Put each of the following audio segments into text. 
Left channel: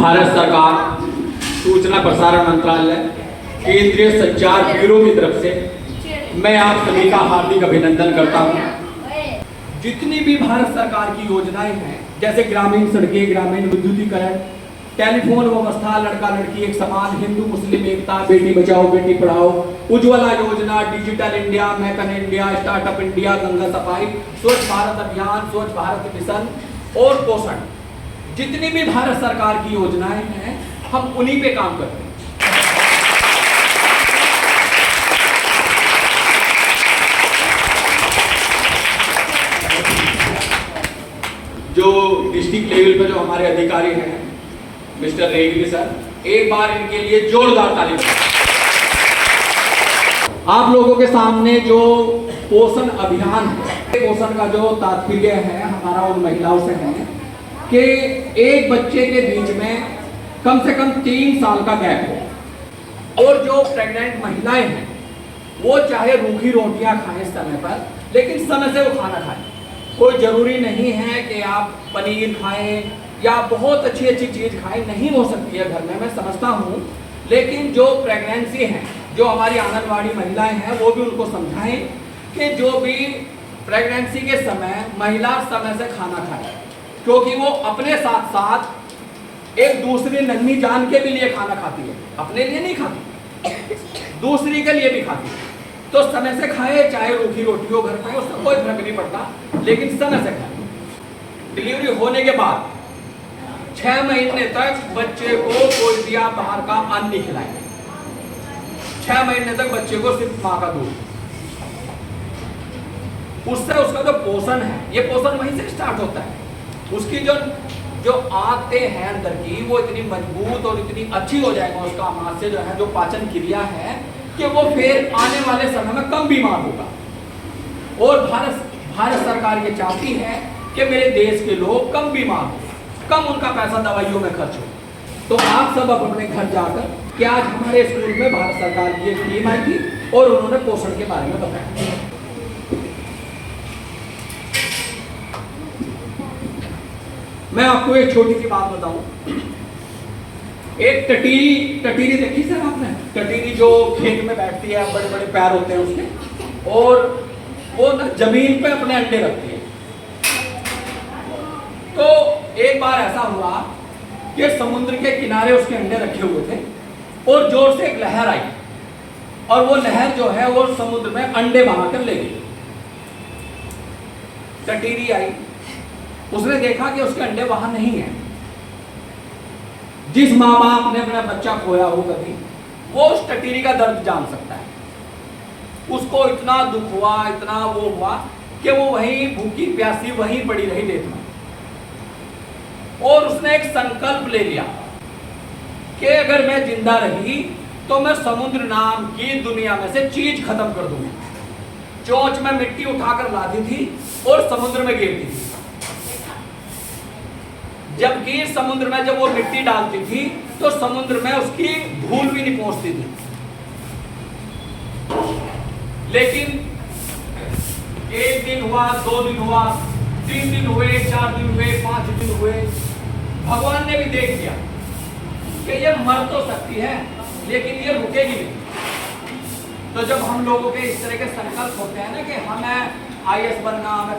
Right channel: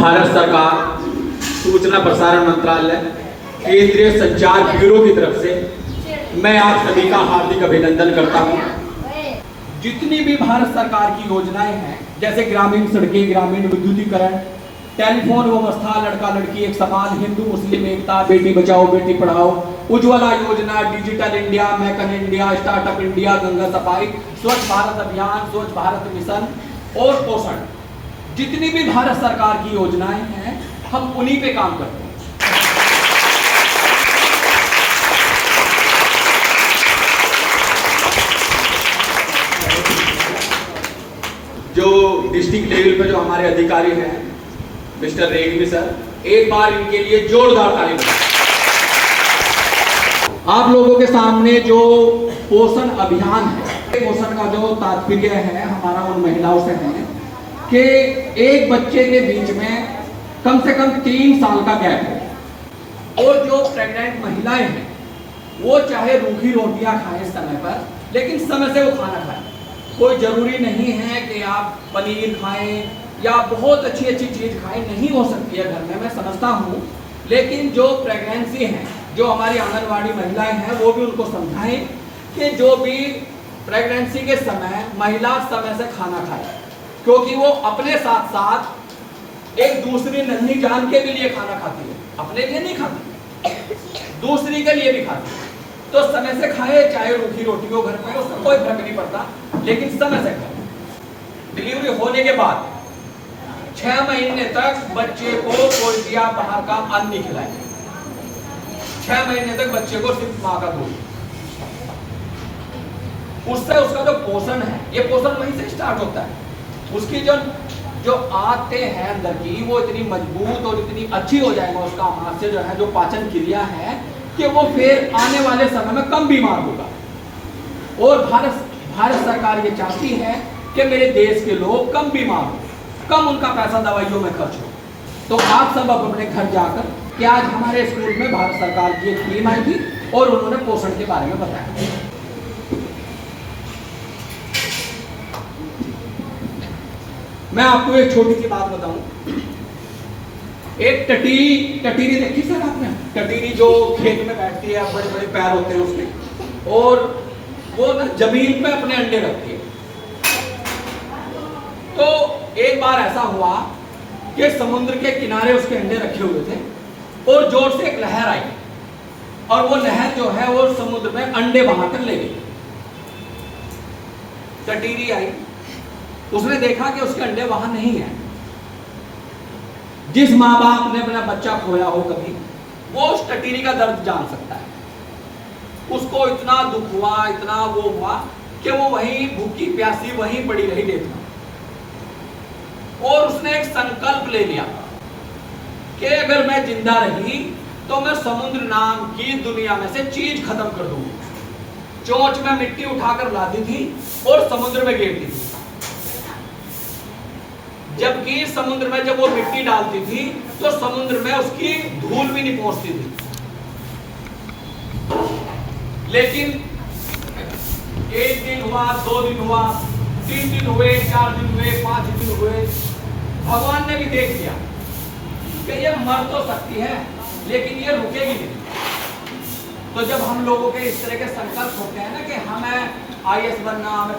भारत सरकार, सूचना प्रसारण मंत्रालय, केंद्रीय संचार ब्यूरो की तरफ से मैं आप सभी का हार्दिक अभिनंदन करता हूं। जितनी भी भारत सरकार की योजनाएं हैं, जैसे ग्रामीण सड़कें, ग्रामीण विद्युतीकरण, टेलीफोन व्यवस्था, लड़का लड़की एक समान, हिंदू मुस्लिम एकता, बेटी बचाओ बेटी पढ़ाओ, उज्ज्वला योजना, digital India, make in India, startup India, Ganga सफाई, स्वच्छ भारत अभियान, स्वच्छ भारत मिशन और पोषण, जितनी भी भारत सरकार की योजनाएं हैं हम उन्हीं पे काम करते हैं। जो डिस्ट्रिक्ट लेवल पे जो हमारे अधिकारी हैं मिस्टर रेड्डी सर, एक बार इनके लिए जोरदार ताली बजाएं। आप लोगों के सामने जो पोषण अभियान है, पोषण का जो तात्पर्य है हमारा उन महिलाओं से है कि एक बच्चे के बीच में कम से कम 3 साल का गैप हो, और जो प्रेग्नेंट महिलाएं हैं वो चाहे रूखी रोटियां खाएं समय पर, लेकिन समय से वो खाना खाएं। कोई जरूरी नहीं है कि आप पनीर खाएं या बहुत अच्छी अच्छी चीज खाएं, नहीं हो सकती है घर में, मैं समझता हूँ, लेकिन जो प्रेगनेंसी है, जो हमारी आंगनवाड़ी महिलाएं हैं, वो भी उनको समझाएं कि जो भी प्रेगनेंसी के समय महिला समय से खाना खाए, क्योंकि वो अपने साथ साथ एक दूसरी नन्ही जान के भी लिए खाना खाती है, अपने लिए नहीं खाती, दूसरी के लिए भी खाती है। तो समय से खाए, चाहे रूखी रोटी हो घर में, उसका कोई फर्क नहीं पड़ता, लेकिन समय से खाए। डिलीवरी होने के बाद 6 महीने तक बच्चे को कोई दिया बाहर का अन्न नहीं खिलाएंगे। 6 महीने तक बच्चे को सिर्फ माँ का दूध, उससे उसका जो पोषण है, ये पोषण वहीं से स्टार्ट होता है। उसकी जो आंतें हैं अंदर की, वो इतनी मजबूत और इतनी अच्छी हो जाएगा, उसका आमाशय जो है, जो पाचन क्रिया है, कि वो फिर आने वाले समय में कम बीमार होगा। और भारत सरकार ये चाहती है कि मेरे देश के लोग कम बीमार हो, कम उनका पैसा दवाइयों में खर्च हो। तो आप सब अब अपने घर जाकर, कि आज हमारे स्कूल में भारत सरकार की एक टीम आई थी और उन्होंने पोषण के बारे में बताया। मैं आपको एक छोटी सी बात बताऊं। एक टटीरी देखी सर आपने? टटीरी जो खेत में बैठती है, बड़े बड़े पैर होते हैं उसके, और वो ना जमीन पे अपने अंडे रखती है। तो एक बार ऐसा हुआ कि समुद्र के किनारे उसके अंडे रखे हुए थे और जोर से एक लहर आई, और वो लहर जो है वो समुद्र में अंडे बहा कर ले गई। टटीरी आई, उसने देखा कि उसके अंडे वहां नहीं है। जिस माँ बाप ने अपना बच्चा खोया हो कभी, वो उस टटीरी का दर्द जान सकता है। उसको इतना दुख हुआ, इतना वो हुआ कि वो वहीं भूखी प्यासी वहीं पड़ी रही देखना, और उसने एक संकल्प ले लिया कि अगर मैं जिंदा रही तो मैं समुद्र नाम की दुनिया में से चीज खत्म कर दूंगी। चोंच में मिट्टी उठाकर लादी थी और समुद्र में गिरती थी, जबकि समुद्र में जब वो मिट्टी डालती थी तो समुद्र में उसकी धूल भी नहीं पहुंचती थी। लेकिन 1 दिन हुआ, 2 दिन हुआ, 3 दिन हुए, 4 दिन हुए, 5 दिन हुए, भगवान ने भी देख लिया कि ये मर तो सकती है लेकिन ये रुकेगी नहीं। तो जब हम लोगों के इस तरह के संकल्प होते हैं ना कि हमें IAS बनना, हमें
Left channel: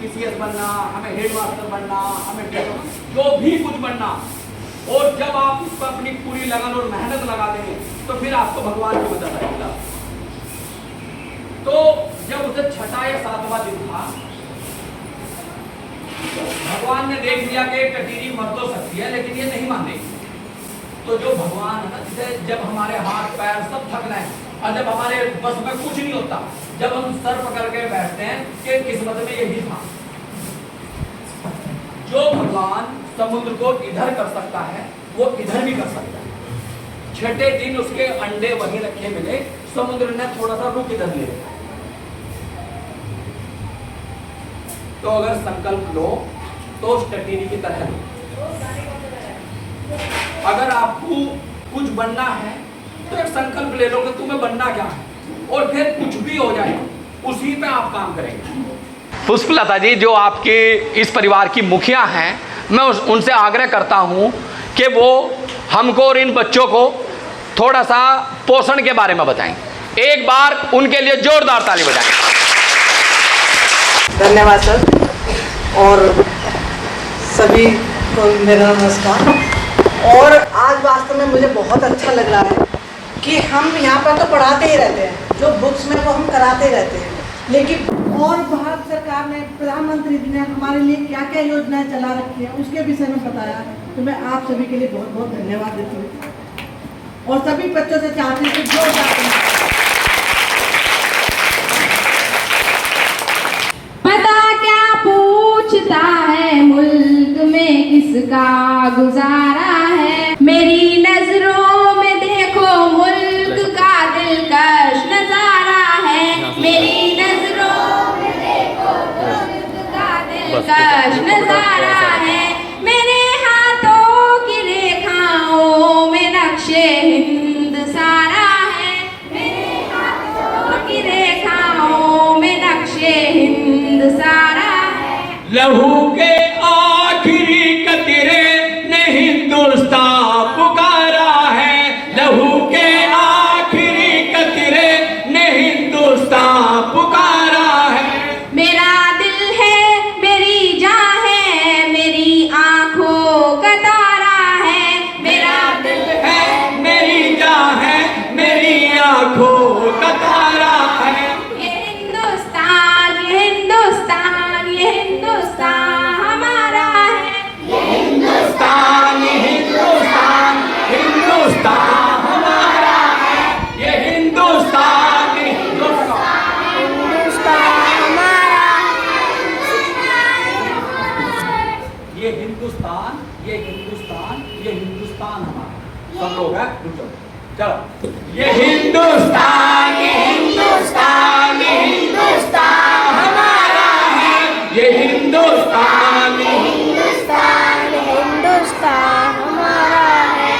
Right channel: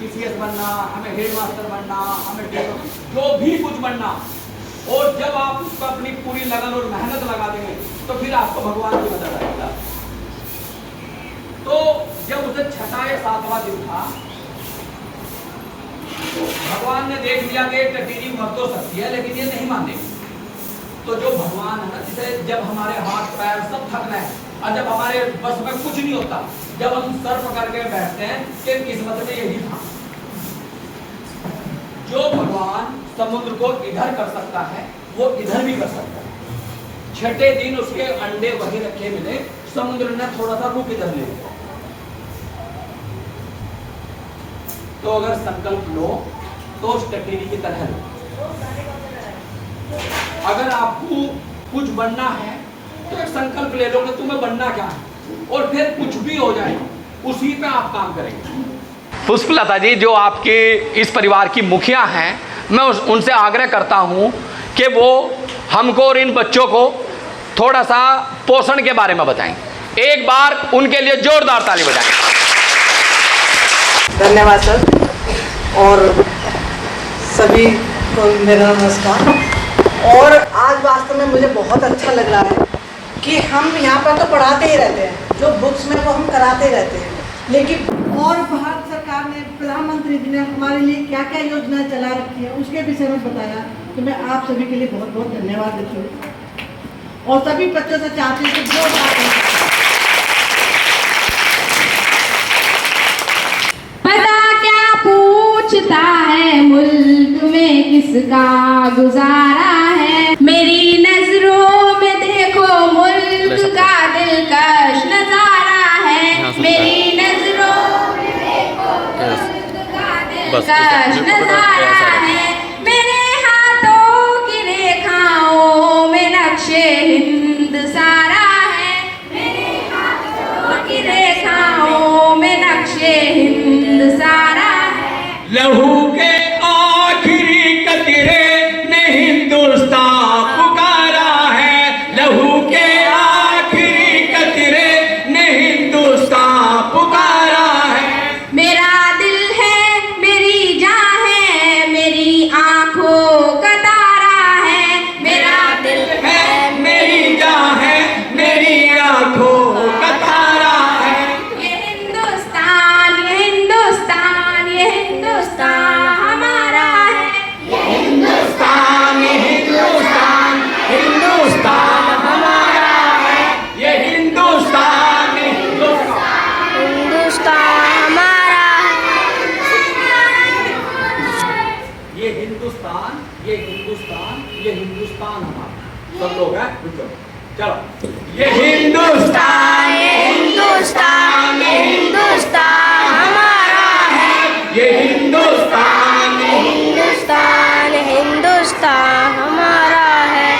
PCS बनना, हमें हेडमास्टर बनना, हमें जो भी कुछ बनना, और जब आप उसको अपनी पूरी लगन और मेहनत लगा देंगे तो फिर आपको भगवान की मदद आएगा। तो जब उसे 6वां या 7वां दिन था, भगवान ने देख लिया कि टटीरी मर तो सकती है लेकिन ये नहीं मानेगी। तो जो भगवान है ना, जिसे जब हमारे हाथ पैर सब थकना है और जब हमारे बस में कुछ नहीं होता, जब हम सर पकड़ के बैठते हैं कि किस्मत में यही था। जो भगवान समुद्र को इधर कर सकता है वो इधर भी कर सकता है। 6ठे दिन उसके अंडे वहीं रखे मिले, समुद्र ने थोड़ा सा रुक इधर ले लिया। तो अगर संकल्प लो तो उस टटीरी की तरह लो। अगर आपको कुछ बनना है तो एक संकल्प ले लो कि तुम्हें बनना क्या है, और फिर कुछ भी हो जाए उसी पे आप काम करेंगे। पुष्पलता जी, जो आपके इस परिवार की मुखिया हैं, मैं उनसे आग्रह करता हूं कि वो हमको और इन बच्चों को थोड़ा सा पोषण के बारे में बताएं। एक बार उनके लिए जोरदार ताली बजाएं। धन्यवाद सर, और सभी को मेरा नमस्कार। और आज वास्तव में मुझे बहुत अच्छा लग रहा है कि हम यहाँ पर तो पढ़ाते ही रहते हैं, जो बुक्स में वो हम कराते रहते हैं, लेकिन और भारत सरकार ने, प्रधानमंत्री जी ने हमारे लिए क्या क्या योजनाएं चला रखी है उसके विषय में बताया। तो मैं आप सभी के लिए बहुत बहुत धन्यवाद देती हूँ और सभी बच्चों से चाहती हूँ कि जो पता क्या पूछता है मुल्क में किसका गुजारा है, मेरी नजरों में देखो मुल्क का दिलकश नजारा है, मेरी नजरों में देखो मुल्क का दिलकश नजारा है, मेरे हाथों की रेखाओं में नक्शे हिंद सारा है, मेरे हाथों की रेखाओं में नक्शे हिंद सारा है। लहू के आखिरी कतरे में हिंदुस्तान पुकारा है, लहू के आखिरी कतरे में हिंदुस्तान पुकारा है। मेरा दिल है, मेरी जान है, मेरी आंखों का तारा है, मेरा दिल है मेरी जान है, मेरी आंखों का तारा है। ये हिंदुस्तान, ये हिंदुस्तान, ये हिंदुस्तान हमारा है, ये हिंदुस्तान, ये हिंदुस्तान, हिंदुस्तान हमारा है। ये हिंदुस्तान, ये हिंदुस्तान, हिंदुस्तान हमारा ये हिंदुस्तान, ये हिंदुस्तान, ये हिंदुस्तान हमारा। सब लोग हैं, रुको, चलो। ये हिंदुस्तान, ये हिंदुस्तान, ये हिंदुस्तान हमारा है, ये हिंदुस्तान, ये हिंदुस्तान, हिंदुस्तान हमारा है।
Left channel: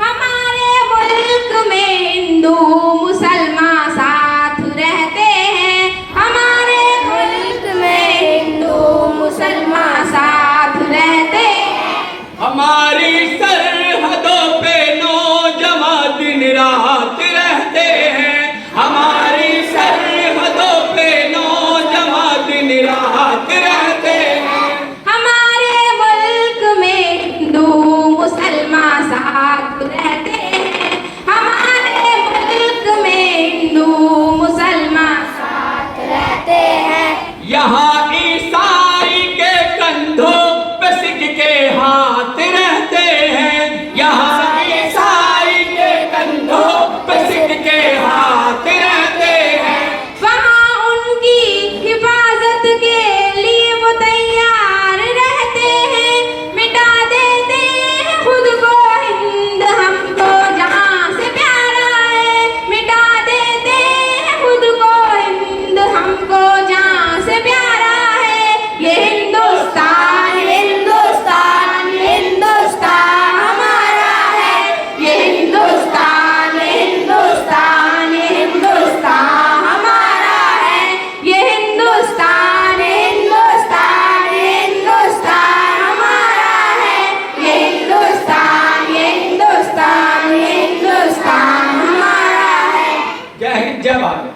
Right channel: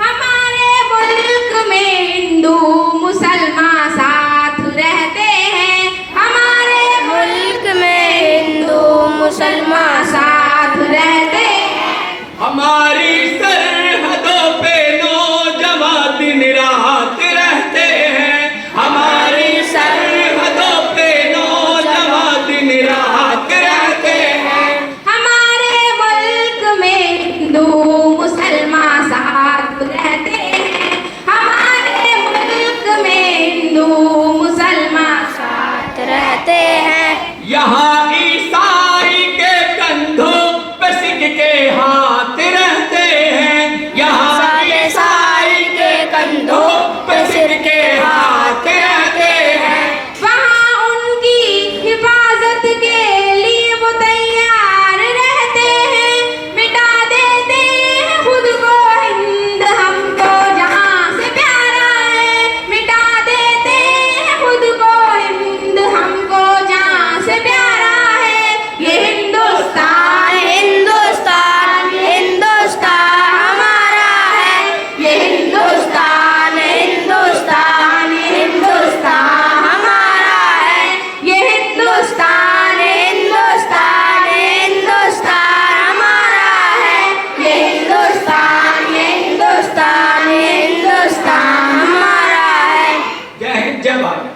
हमारे मुल्क में हिंदू मुसलमान साथ रहते हैं, हमारे मुल्क में हिंदू मुसलमान साथ रहते हैं, हमारी सरहदों पे नौजवान दिन रात रहते हैं, हमारी सरहदों पे नौजवान दिन रात रहते हैं। हमारे मुल्क में हिंदू मुसलमान साथ रहते हैं, हमारे मुल्क में हिंदू मुसलमान साथ रहते हैं। यहाँ ईसाई के कंधों पे सिख के हाथ रहते हैं, यहाँ ईसाई के कंधों पे सिख के हाथ रहते हैं। वहाँ उनकी हिफाजत के लिए वो तैयार रहते हैं, मिटा देते हैं खुद को हिंद हमको जहाँ से प्यारा है, मिटा देते हैं खुद को हिंद हमको जहाँ से प्यारा है। ये हिंदुस्तान, हिंदुस्तान, हिंदुस्तान हमारा है, ये हिंदुस्तान, हिंदुस्तान, हिंदुस्तान हमारा है, ये हिंदुस्तान, हिंदुस्तान, हिंदुस्तान हमारा है, ये हिंदुस्तान, ये हिंदुस्तान, हिंदुस्तान हमारा है। जय हिंद, जय भारत।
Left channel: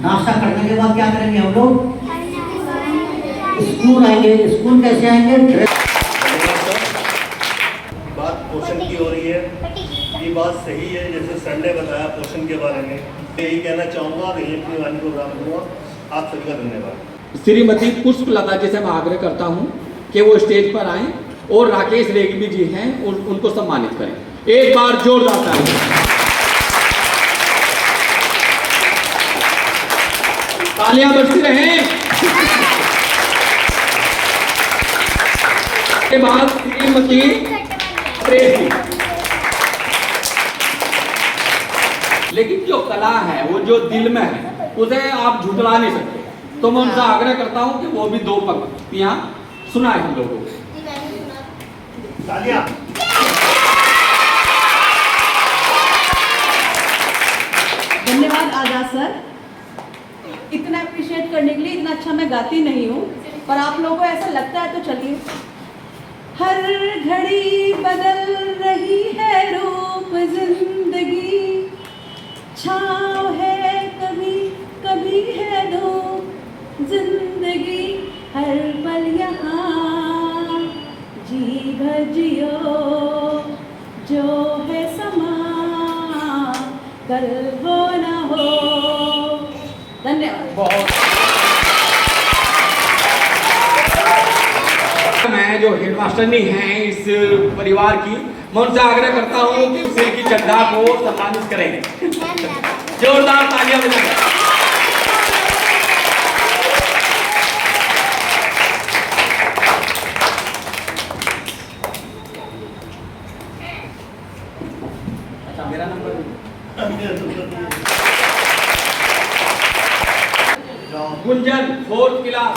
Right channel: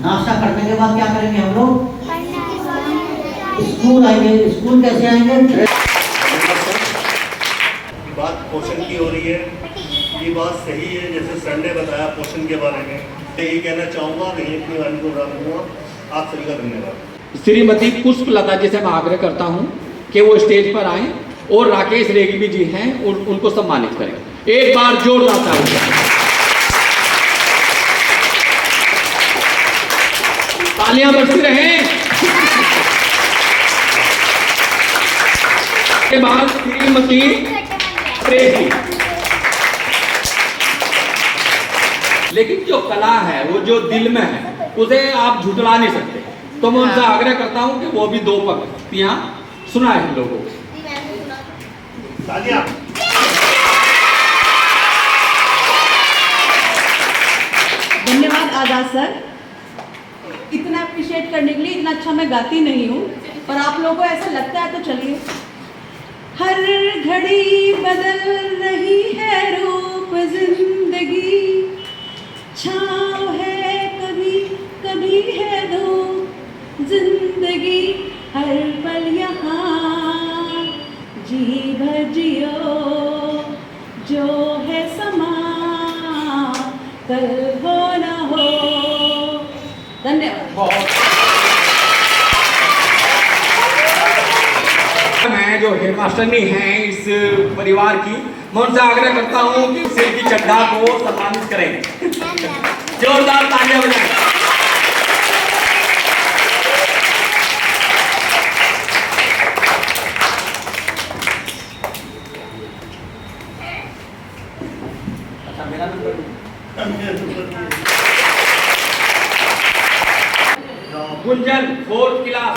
नाश्ता करने के बाद क्या करेंगे हम लोग? स्कूल आएंगे। स्कूल कैसे आएंगे? बात पोषण की हो रही है, ये बात सही है। जैसे सर ने बताया पोषण के बारे में, मैं यही कहना चाहूँगा और यही अपनी वाणी को विराम दूंगा। आप सभी का धन्यवाद। श्रीमती पुष्पलता जी से मैं आग्रह करता हूं कि वो स्टेज पर आएं और राकेश रेग्मी जी हैं उनको सम्मानित करें। एक बार जोरदार तालियां। तालियां बजती रहें। के बाद श्रीमती प्रेसी। लेकिन जो कला है वो जो दिल में है उसे आप झुठला नहीं सकते, तो मैं उनसे आग्रह करता हूं कि वो भी दो पंक्तियां सुनाए हम लोगों को। तालियां। धन्यवाद आजाद सर, इतना अप्रिशिएट करने के लिए। इतना अच्छा मैं गाती नहीं हूँ, पर आप लोगों को ऐसा लगता है तो चलिए हर घड़ी बदल रही है रूप जिंदगी, छाँव है कभी कभी है धूप जिंदगी, हर पल यहाँ जी भर जियो, जो है समा कल हो न हो। धन्यवाद। मैं जो हेडमास्टरनी हैं इस परिवार की, मैं उनसे आग्रह करता हूँ कि सिर की चड्ढा को सम्मानित करें। जोरदार तालियां बजाएं। अच्छा, मेरा नंबर गुंजन 4th क्लास।